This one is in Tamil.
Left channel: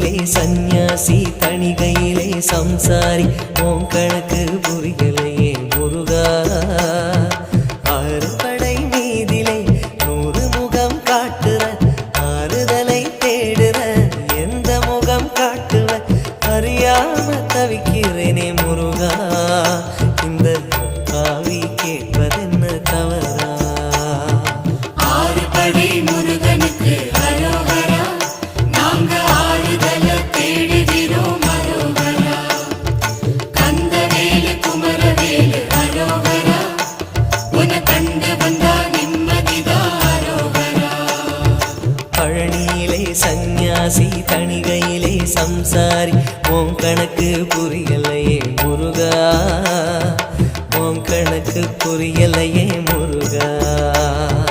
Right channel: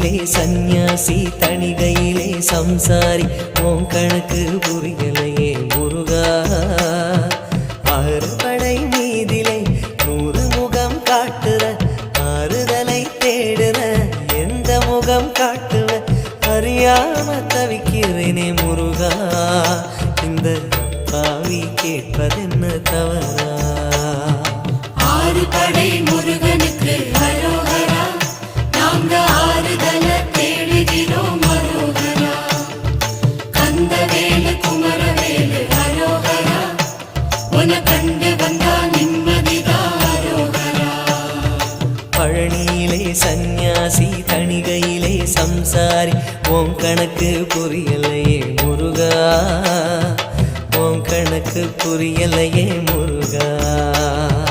பழனியிலே சந்நியாசி தணிகையிலே சம்சாரி உன் கணக்கு புரியலையே முருகா ஆறு படை மீதிலே 100 முகம் காட்டுற ஆறுதலை தேடுற எந்த முகம் காட்டுவ அறியாம தவிக்கிறேனே முருகா இந்த அப்பாவி கேட்பதென்ன தவறா ஆறு படை முருகனுக்கு அரோகரா நாங்க ஆறுதல தேடுகிறோம் அரோகரா கந்தவேலு குமரவேலு அரோகரா உன கண்டு வந்தா நிம்மதிதான் அரோகரா பழனியிலே சந்நியாசி தணிகையிலே சம்சாரி உன் கணக்கு புரியலையே முருகா உன் கணக்கு புரியலையே முருகா